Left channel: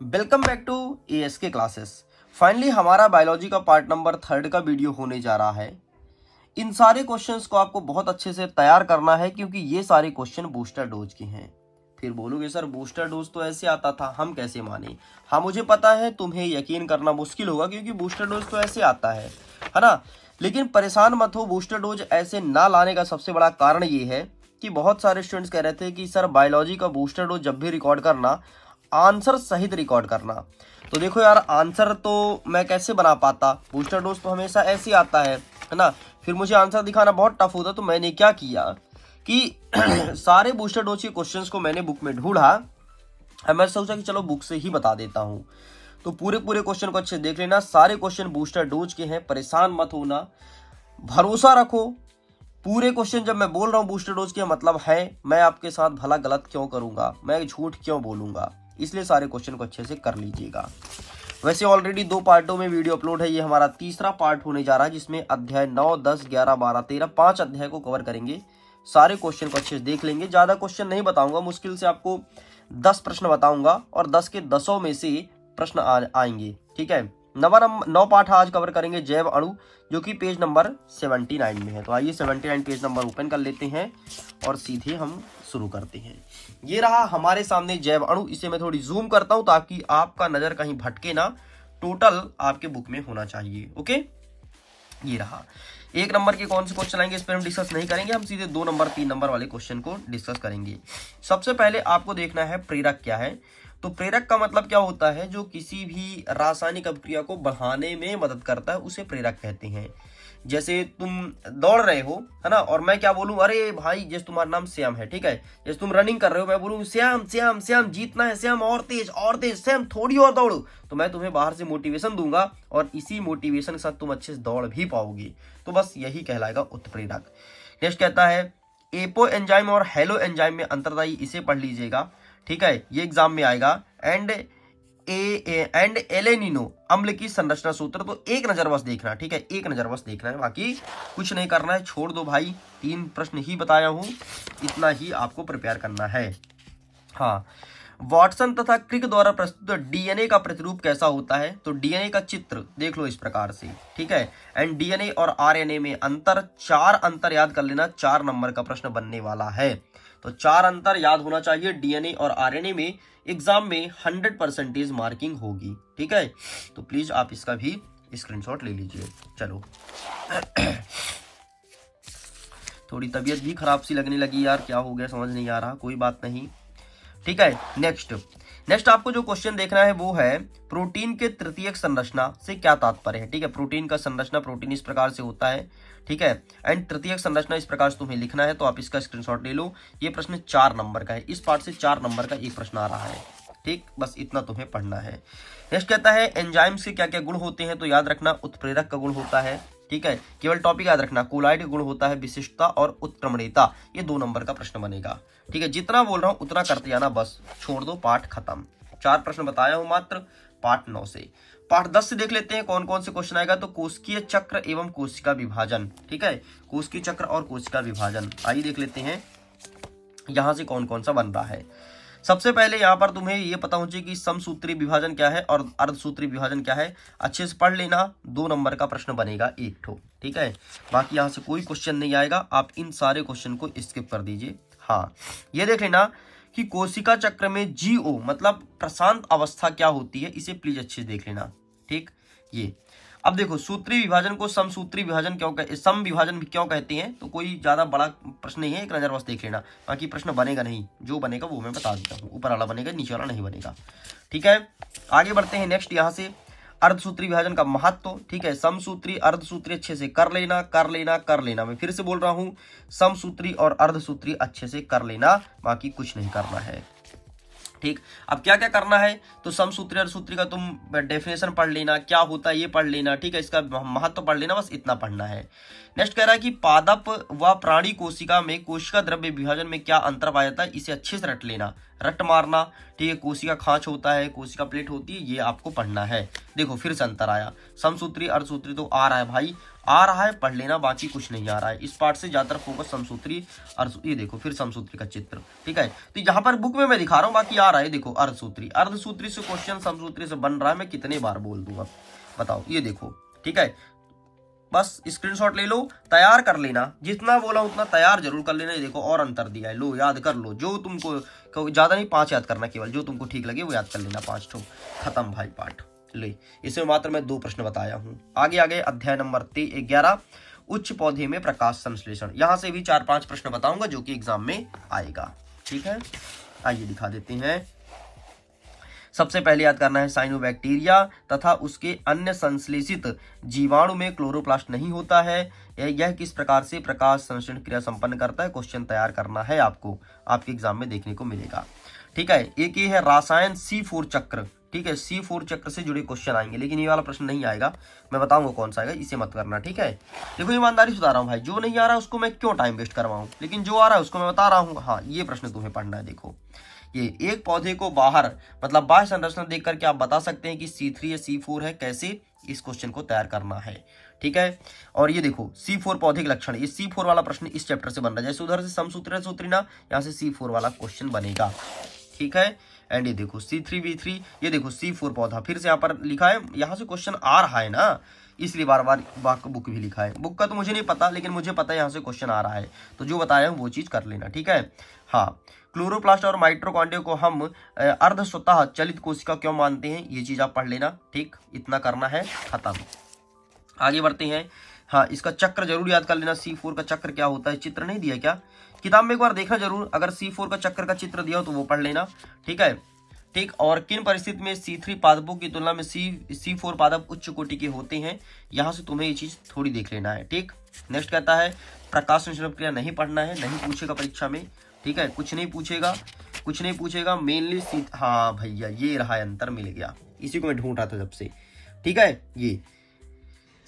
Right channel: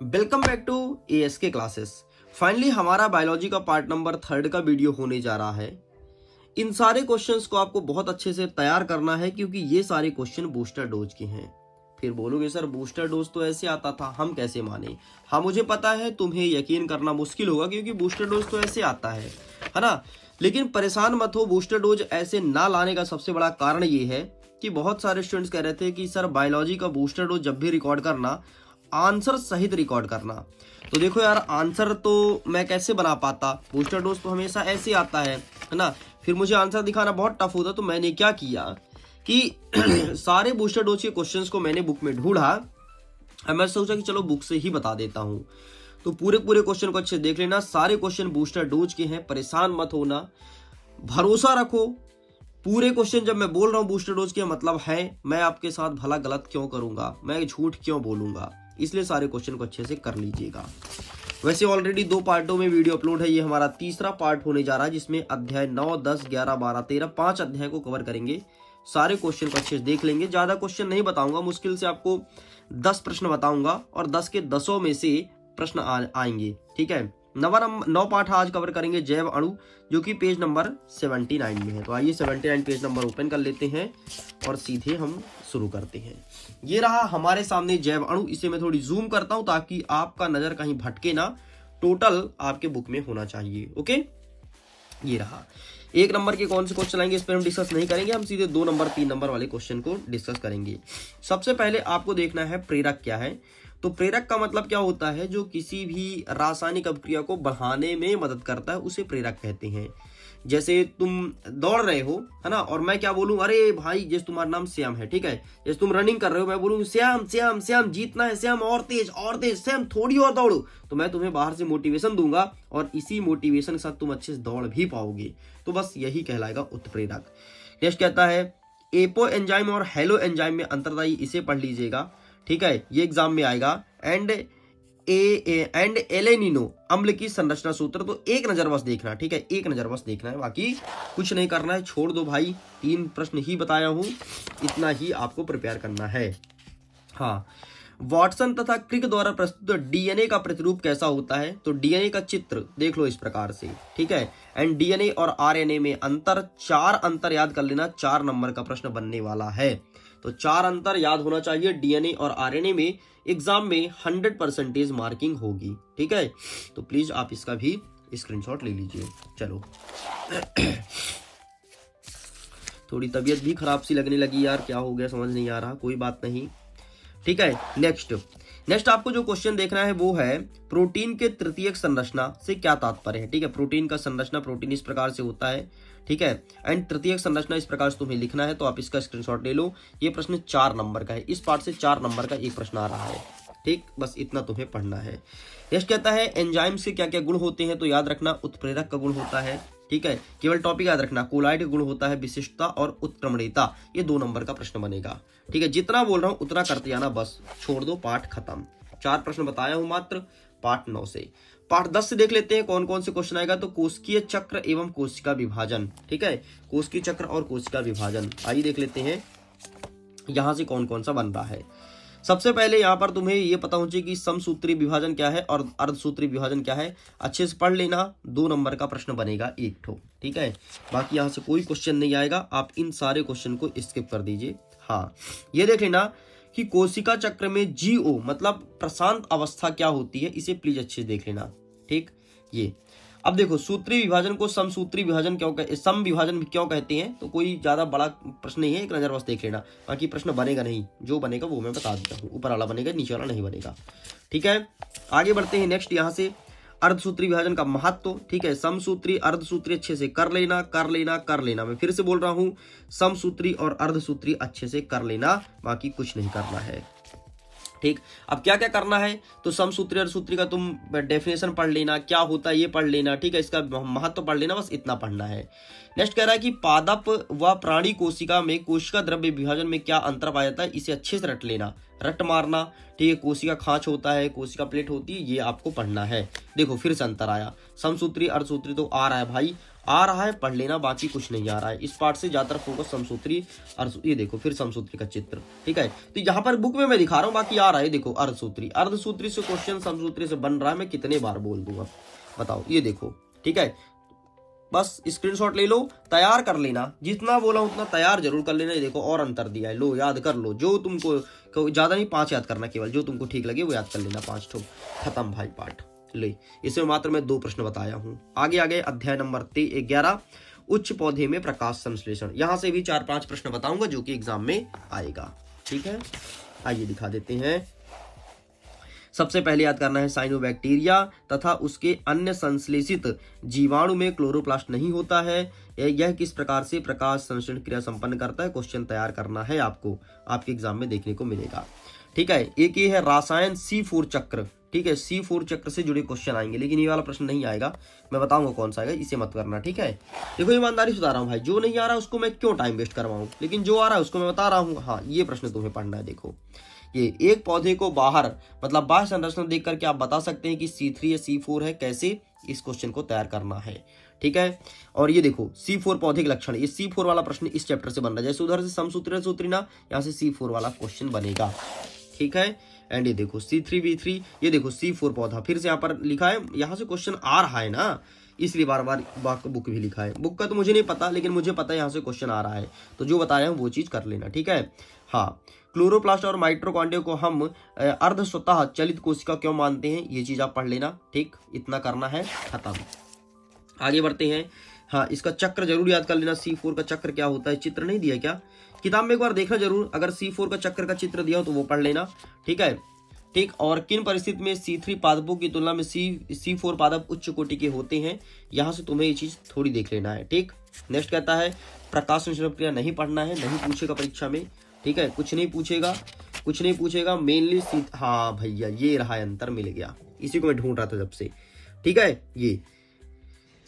Welcome back to ASK classes. Finally हमारा biology का part number 3 का वीडियो होने जा रहा है। इन सारे क्वेश्चंस को आपको बहुत अच्छे से तैयार करना है क्योंकि ये सारे क्वेश्चन बूस्टर डोज के हैं। फिर बोलोगे सर बूस्टर डोज तो ऐसे आता था, हम कैसे माने? हाँ मुझे पता है तुम्हें यकीन करना मुश्किल होगा क्योंकि बूस्टर डोज तो ऐसे आता है ना। लेकिन परेशान मत हो, बूस्टर डोज ऐसे ना लाने का सबसे बड़ा कारण ये है कि बहुत सारे स्टूडेंट्स कह रहे थे कि सर बायोलॉजी का बूस्टर डोज जब भी रिकॉर्ड करना आंसर सहित रिकॉर्ड करना। तो देखो यार, आंसर तो मैं कैसे बना पाता, बूस्टर डोज तो हमेशा ऐसे आता है ना। फिर मुझे आंसर दिखाना बहुत टफ होता, तो मैंने क्या किया कि सारे बूस्टर डोज के क्वेश्चंस को मैंने बुक में ढूंढा। मैं सोचा कि चलो बुक से ही बता देता हूं। तो पूरे क्वेश्चन को अच्छे देख लेना, सारे क्वेश्चन बूस्टर डोज के हैं, परेशान मत होना, भरोसा रखो। पूरे क्वेश्चन जब मैं बोल रहा हूं बूस्टर डोज के मतलब है, मैं आपके साथ भला गलत क्यों करूंगा, मैं झूठ क्यों बोलूंगा, इसलिए सारे क्वेश्चन को अच्छे से कर लीजिएगा। वैसे ऑलरेडी 2 पार्टों में वीडियो अपलोड है, ये हमारा तीसरा पार्ट होने जा रहा है जिसमें अध्याय 9, 10, 11, 12, 13 5 अध्याय को कवर करेंगे। सारे क्वेश्चन को अच्छे से देख लेंगे। ज्यादा क्वेश्चन नहीं बताऊंगा, मुश्किल से आपको 10 प्रश्न बताऊंगा और 10 के 10 में से प्रश्न आएंगे। ठीक है, 9 पाठ आज कवर करेंगे जैव अणु, जो कि पेज नंबर 79 में है। तो आइए 79 पेज नंबर ओपन कर लेते हैं और सीधे हम शुरू करते हैं। ये रहा हमारे सामने जैव अणु। इसे मैं थोड़ी जूम करता हूं ताकि आपका नजर कहीं भटके ना, टोटल आपके बुक में होना चाहिए। ओके, ये रहा। 1 नंबर के कौन से क्वेश्चन आएंगे इस पर हम डिस्कस नहीं करेंगे, हम सीधे 2 नंबर 3 नंबर वाले क्वेश्चन को डिस्कस करेंगे। सबसे पहले आपको देखना है प्रेरक क्या है। तो प्रेरक का मतलब क्या होता है, जो किसी भी रासायनिक अभिक्रिया को बढ़ाने में मदद करता है उसे प्रेरक कहते हैं। जैसे तुम दौड़ रहे हो है ना, और मैं क्या बोलूं, अरे भाई जैसे तुम्हारा नाम श्याम है, ठीक है, जैसे तुम रनिंग कर रहे हो, मैं बोलूं श्याम श्याम श्याम जीतना है, श्याम और तेज श्याम थोड़ी और दौड़ो, तो मैं तुम्हें बाहर से मोटिवेशन दूंगा और इसी मोटिवेशन के साथ तुम अच्छे से दौड़ भी पाओगे। तो बस यही कहलाएगा उत्प्रेरक। नेक्स्ट कहता है एपो एंजाइम और हेलो एंजाइम में अंतर था, इसे पढ़ लीजिएगा। ठीक है, ये एग्जाम में आएगा। एंड एलेनिनो अम्ल की संरचना सूत्र, तो एक नजर बस देखना। ठीक है, एक नजर बस देखना है, बाकी कुछ नहीं करना है, छोड़ दो भाई। 3 प्रश्न ही बताया हूं, इतना ही आपको प्रिपेयर करना है। हाँ, वाटसन तथा क्रिक द्वारा प्रस्तुत डीएनए का प्रतिरूप कैसा होता है? तो डीएनए का चित्र देख लो इस प्रकार से। ठीक है, एंड डीएनए और आरएनए में अंतर, 4 अंतर याद कर लेना, 4 नंबर का प्रश्न बनने वाला है। तो 4 अंतर याद होना चाहिए डीएनए और आरएनए में। एग्जाम में 100% मार्किंग होगी। ठीक है, तो प्लीज आप इसका भी स्क्रीनशॉट ले लीजिए। चलो थोड़ी तबीयत भी खराब सी लगने लगी यार, क्या हो गया समझ नहीं आ रहा, कोई बात नहीं। ठीक है, नेक्स्ट आपको जो क्वेश्चन देखना है वो है प्रोटीन के तृतीयक संरचना से क्या तात्पर्य है। ठीक है, प्रोटीन का संरचना, प्रोटीन इस प्रकार से होता है। ठीक है, एंड तृतीयक संरचना इस प्रकार से तुम्हें लिखना है, तो आप इसका स्क्रीनशॉट ले लो। ये प्रश्न 4 नंबर का है, इस पार्ट से 4 नंबर का एक प्रश्न आ रहा है। ठीक, बस इतना तुम्हें पढ़ना है। नेक्स्ट कहता है एंजाइम्स के क्या क्या गुण होते हैं, तो याद रखना उत्प्रेरक का गुण होता है। ठीक है, केवल टॉपिक याद रखना, कोलाइड का गुण होता है विशिष्टता और उत्क्रमणीयता, ये 2 नंबर का प्रश्न बनेगा। ठीक है, जितना बोल रहा हूं उतना करते जाना, बस छोड़ दो, पाठ खत्म। 4 प्रश्न बताया हूं मात्र पार्ट 9 से। पार्ट 10 से देख लेते हैं कौन कौन से क्वेश्चन आएगा। तो कोशिकीय चक्र एवं कोशिका विभाजन। ठीक है, कोशिकीय चक्र और कोशिका विभाजन, आइए देख लेते हैं यहां से कौन कौन सा बन रहा है। सबसे पहले यहां पर तुम्हें ये पता होना चाहिए कि समसूत्री विभाजन क्या है और अर्धसूत्री विभाजन क्या है, अच्छे से पढ़ लेना। 2 नंबर का प्रश्न बनेगा एक ठो। ठीक है, बाकी यहां से कोई क्वेश्चन नहीं आएगा, आप इन सारे क्वेश्चन को स्किप कर दीजिए। हाँ, ये देख लेना कि कोशिका चक्र में जीओ मतलब प्रशांत अवस्था क्या होती है, इसे प्लीज अच्छे से देख लेना। ठीक, ये अब देखो सूत्री विभाजन को समसूत्री विभाजन सम विभाजन भी क्यों कहते हैं, तो कोई ज्यादा बड़ा प्रश्न नहीं है, एक नजर बस देख लेना, बाकी प्रश्न बनेगा नहीं, जो बनेगा वो मैं बता देता हूँ, ऊपर वाला बनेगा नीचे वाला नहीं बनेगा। ठीक है, आगे बढ़ते हैं। नेक्स्ट यहाँ से अर्धसूत्री विभाजन का महत्व। ठीक है, समसूत्री अर्धसूत्री अच्छे से कर लेना कर लेना कर लेना, मैं फिर से बोल रहा हूँ, समसूत्री और अर्धसूत्री अच्छे से कर लेना, बाकी कुछ नहीं करना है। ठीक, अब क्या क्या करना है, तो समसूत्री अर्धसूत्री का तुम डेफिनेशन पढ़ लेना, क्या होता है ये पढ़ लेना। ठीक है, इसका महत्व पढ़ लेना, बस इतना पढ़ना है। नेक्स्ट कह रहा है कि पादप व प्राणी कोशिका में कोशिका द्रव्य विभाजन में क्या अंतर पाया जाता है, इसे अच्छे से रट लेना। रट मारना, ठीक है, कोशिका खांच होता है, कोशिका प्लेट होती है, ये आपको पढ़ना है। देखो फिर से अंतर आया, समसूत्री अर्धसूत्री तो आ रहा है भाई, आ रहा है, पढ़ लेना, बाकी कुछ नहीं आ रहा है। इस पार्ट से ज्यादातर फोकस समसूत्री ये देखो फिर समसूत्री का चित्र, ठीक है। तो यहाँ पर बुक में मैं दिखा रहा हूँ, बाकी आ रहा है, देखो अर्धसूत्री, अर्धसूत्री से क्वेश्चन समसूत्री से बन रहा है, मैं कितने बार बोल दूंगा बताओ, ये देखो, ठीक है। बस स्क्रीनशॉट ले लो, तैयार कर लेना, जितना बोला उतना तैयार जरूर कर लेना। ये देखो और अंतर दिया है, लो याद कर लो, जो तुमको ज्यादा नहीं 5 याद करना, केवल जो तुमको ठीक लगे वो याद कर लेना, 5 ठो, खत्म भाई पाठ। ले इसमें मात्र मैं 2 प्रश्न बताया हूँ। आगे आगे अध्याय नंबर 11 उच्च पौधे में प्रकाश संश्लेषण, यहां से भी 4-5 प्रश्न बताऊंगा जो कि एग्जाम में आएगा, ठीक है। आइए दिखा देते हैं। सबसे पहले याद करना है साइनोबैक्टीरिया तथा उसके अन्य संश्लेषित जीवाणु में क्लोरोप्लास्ट नहीं होता है। यह किस प्रकार से प्रकाश संश्लेषण क्रिया संपन्न करता है, क्वेश्चन तैयार करना है आपको, आपके एग्जाम में देखने को मिलेगा, ठीक है। एक ये है रासायन C4 चक्र, ठीक है, C4 चक्र से जुड़े क्वेश्चन आएंगे, लेकिन ये वाला प्रश्न नहीं आएगा, मैं बताऊंगा कौन सा आएगा, इसे मत करना, ठीक है। देखो ईमानदारी से बता रहा हूँ भाई, जो नहीं आ रहा है उसको मैं क्यों टाइम वेस्ट करवाऊं, लेकिन जो आ रहा है उसको मैं बता रहा हूँ। हाँ ये प्रश्न तुम्हें पढ़ना है। देखो ये एक पौधे को बाहर मतलब बाह्य संरचना देख करके आप बता सकते हैं कि C3 या C4 है, कैसे इस क्वेश्चन को तैयार करना है, ठीक है। और ये देखो C4 पौधे के लक्षण, ये C4 वाला प्रश्न इस चैप्टर से बन रहा है, जैसे उधर से समसूत्री सूत्रीना, यहाँ से C4 वाला क्वेश्चन बनेगा, ठीक है। एंड ये देखो C3B3, ये देखो C4 पौधा, फिर से यहाँ पर लिखा है, यहाँ से क्वेश्चन आ रहा है ना, इसलिए बार बार बुक भी लिखा है। बुक का तो मुझे नहीं पता, लेकिन मुझे पता है यहाँ से क्वेश्चन आ रहा है, तो जो बताया हूँ वो चीज कर लेना, ठीक है। हाँ, क्लोरोप्लास्ट और माइटोकॉन्ड्रिया को हम अर्ध स्वतः चलित कोशिका क्यों मानते हैं, ये चीज आप पढ़ लेना, ठीक, इतना करना है, खत्म। आगे बढ़ते हैं। हाँ, इसका चक्र जरूर याद कर लेना, C4 का चक्र क्या होता है, चित्र नहीं दिया क्या किताब में, एक बार देखना जरूर, अगर C4 का चक्र का चित्र दिया हो तो वो पढ़ लेना, ठीक है, ठीक। और किन परिस्थिति में C3 पादपों की तुलना में C4 पादप उच्च कोटि के होते हैं, यहां से तुम्हें ये चीज थोड़ी देख लेना है, ठीक। नेक्स्ट कहता है प्रकाश संश्लेषण क्रिया नहीं पढ़ना है, नहीं पूछेगा परीक्षा में, ठीक है, कुछ नहीं पूछेगा, कुछ नहीं पूछेगा, मेनली हाँ भैया ये रहा अंतर, मिल गया, इसी को मैं ढूंढ रहा था जब से, ठीक है।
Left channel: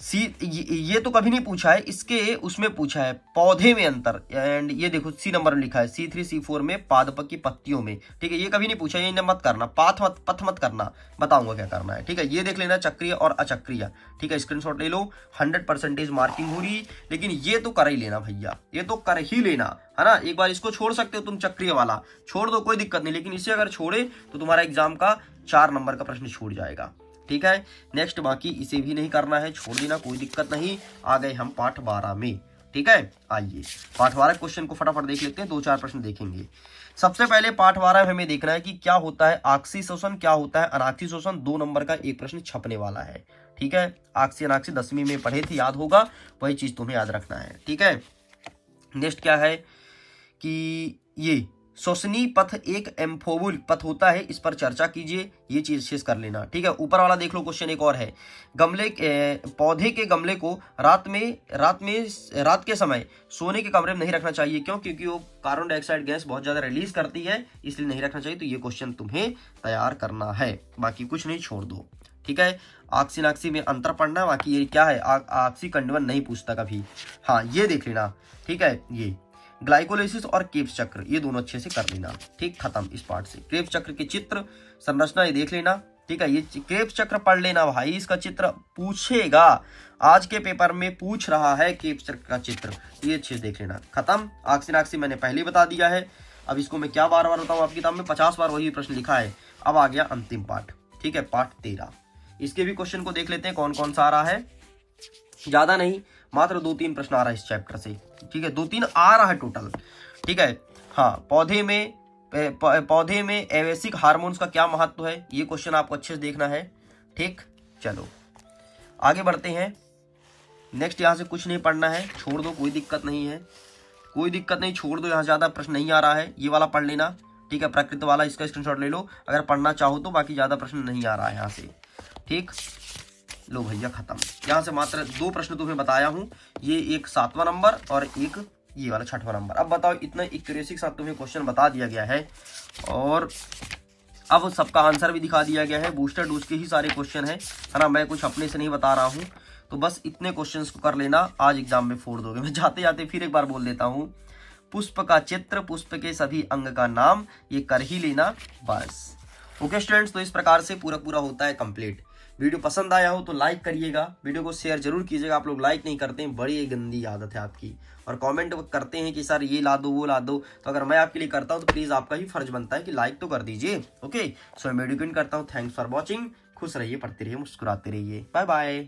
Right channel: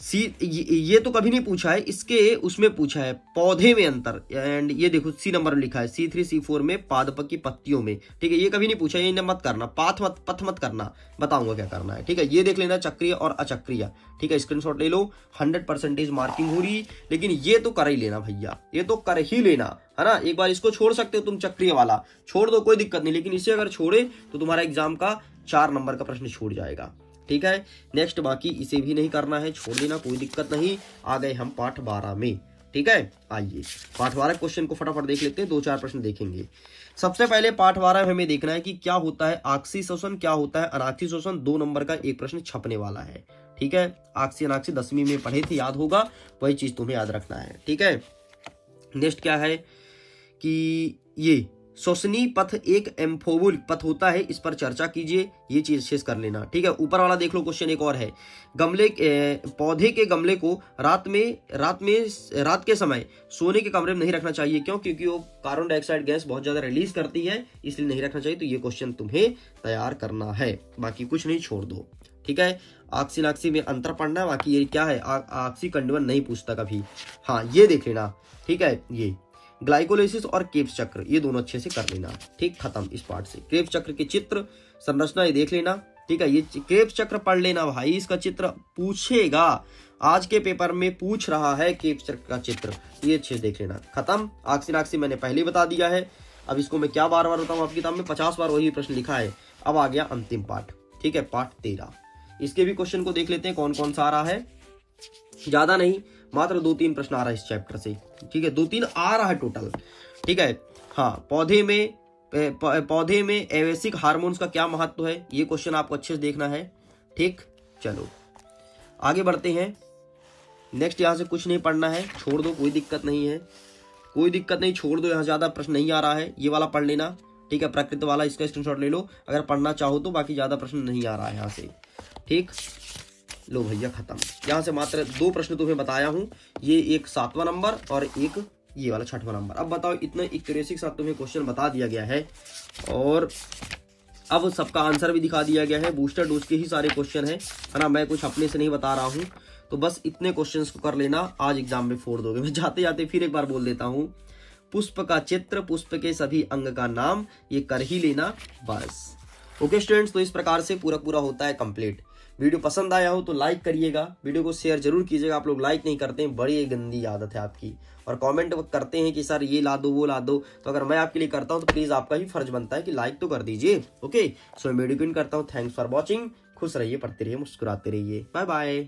ये तो कभी नहीं पूछा है, इसके उसमें पूछा है पौधे में अंतर, एंड ये देखो C नंबर में लिखा है C3 C4 में पादप की पत्तियों में, ठीक है, ये कभी नहीं पूछा, ये मत करना, पथ मत करना, बताऊंगा क्या करना है, ठीक है। ये देख लेना चक्रीय और अचक्रीय, ठीक है, स्क्रीनशॉट ले लो, 100% मार्किंग हो रही, लेकिन ये तो कर ही लेना भैया, ये तो कर ही लेना, है ना। एक बार इसको छोड़ सकते हो तुम, चक्रीय वाला छोड़ दो, कोई दिक्कत नहीं, लेकिन इसे अगर छोड़े तो तुम्हारा एग्जाम का 4 नंबर का प्रश्न छूट जाएगा, ठीक है। नेक्स्ट बाकी इसे भी नहीं करना है, छोड़ देना, कोई दिक्कत नहीं। आ गए हम पाठ 12 में, ठीक है। आइए पाठ 12 क्वेश्चन को फटाफट देख लेते हैं, 2-4 प्रश्न देखेंगे। सबसे पहले पाठ 12 में हमें देखना है कि क्या होता है आक्सीय शोषण, क्या होता है अनाक्सीय शोषण, 2 नंबर का एक प्रश्न छपने वाला है, ठीक है। आक्सीय अनाक्सीय 10वीं में पढ़े थे, याद होगा, वही चीज तुम्हें याद रखना है, ठीक है। नेक्स्ट क्या है कि ये श्वसनीय पथ एक एम्फोबुल पथ होता है, इस पर चर्चा कीजिए, ये चीज शेष कर लेना, ठीक है। ऊपर वाला देख लो क्वेश्चन एक और है, पौधे के गमले को रात के समय सोने के कमरे में नहीं रखना चाहिए, क्यों, क्योंकि वो कार्बन डाइऑक्साइड गैस बहुत ज्यादा रिलीज करती है, इसलिए नहीं रखना चाहिए। तो ये क्वेश्चन तुम्हें तैयार करना है, बाकी कुछ नहीं, छोड़ दो, ठीक है। आक्सी नाक्सी में अंतर पढ़ना, बाकी ये क्या है, आक्सी कंडवन नहीं पूछता कभी, हाँ ये देख लेना, ठीक है। ये ग्लाइकोलाइसिस और क्रेब्स चक्र, ये दोनों अच्छे से कर लेना, ठीक, खत्म इस पार्ट से। क्रेब्स चक्र के चित्र संरचना ये देख लेना, ठीक है। ये क्रेब्स चक्र पढ़ लेना भाई, इसका चित्र पूछेगा, आज के पेपर में पूछ रहा है क्रेब्स चक्र का चित्र, ये अच्छे से देख लेना, खत्म। आक्सी नाक्सी मैंने पहले बता दिया है, अब इसको मैं क्या बार बार बताऊं, आपकी किताब में 50 बार वही प्रश्न लिखा है। अब आ गया अंतिम पाठ, ठीक है, पाठ 13, इसके भी क्वेश्चन को देख लेते हैं कौन कौन सा आ रहा है, ज्यादा नहीं, मात्र 2-3 प्रश्न आ रहा है इस चैप्टर से, ठीक है, 2-3 आ रहा है टोटल, ठीक है। हाँ, पौधे में एवेसिक हार्मोन्स का क्या महत्व है, ये क्वेश्चन आपको अच्छे से देखना है, ठीक। चलो आगे बढ़ते हैं। नेक्स्ट यहाँ से कुछ नहीं पढ़ना है, छोड़ दो, कोई दिक्कत नहीं है, कोई दिक्कत नहीं, छोड़ दो, यहाँ ज्यादा प्रश्न नहीं आ रहा है, ये वाला पढ़ लेना, ठीक है। प्रकृति वाला इसका स्क्रीनशॉट ले लो अगर पढ़ना चाहो तो, बाकी ज्यादा प्रश्न नहीं आ रहा है यहाँ से, ठीक। लो भैया खत्म, यहाँ से मात्र 2 प्रश्न तुम्हें बताया हूँ, ये एक 7वां नंबर और एक ये वाला 6वां नंबर। अब बताओ, इतना एक्यूरेसी के साथ तुम्हें क्वेश्चन बता दिया गया है और अब सबका आंसर भी दिखा दिया गया है, बूस्टर डोज के ही सारे क्वेश्चन है ना, मैं कुछ अपने से नहीं बता रहा हूँ। तो बस इतने क्वेश्चंस को कर लेना, आज एग्जाम में फोड़ दोगे। मैं जाते जाते फिर एक बार बोल देता हूँ, पुष्प का चित्र, पुष्प के सभी अंग का नाम, ये कर ही लेना बस। ओके स्टूडेंट्स, तो इस प्रकार से पूरा होता है कंप्लीट। वीडियो पसंद आया हो तो लाइक करिएगा, वीडियो को शेयर जरूर कीजिएगा। आप लोग लाइक नहीं करते हैं, बड़ी गंदी आदत है आपकी। और कमेंट करते हैं कि सर ये ला दो वो ला दो, तो अगर मैं आपके लिए करता हूं तो प्लीज आपका ही फर्ज बनता है कि लाइक तो कर दीजिए। ओके, सो मैं वीडियो करता हूँ। Thanks for watching. खुश रहिए, पढ़ते रहिए, मुस्कुराते रहिए। Bye bye.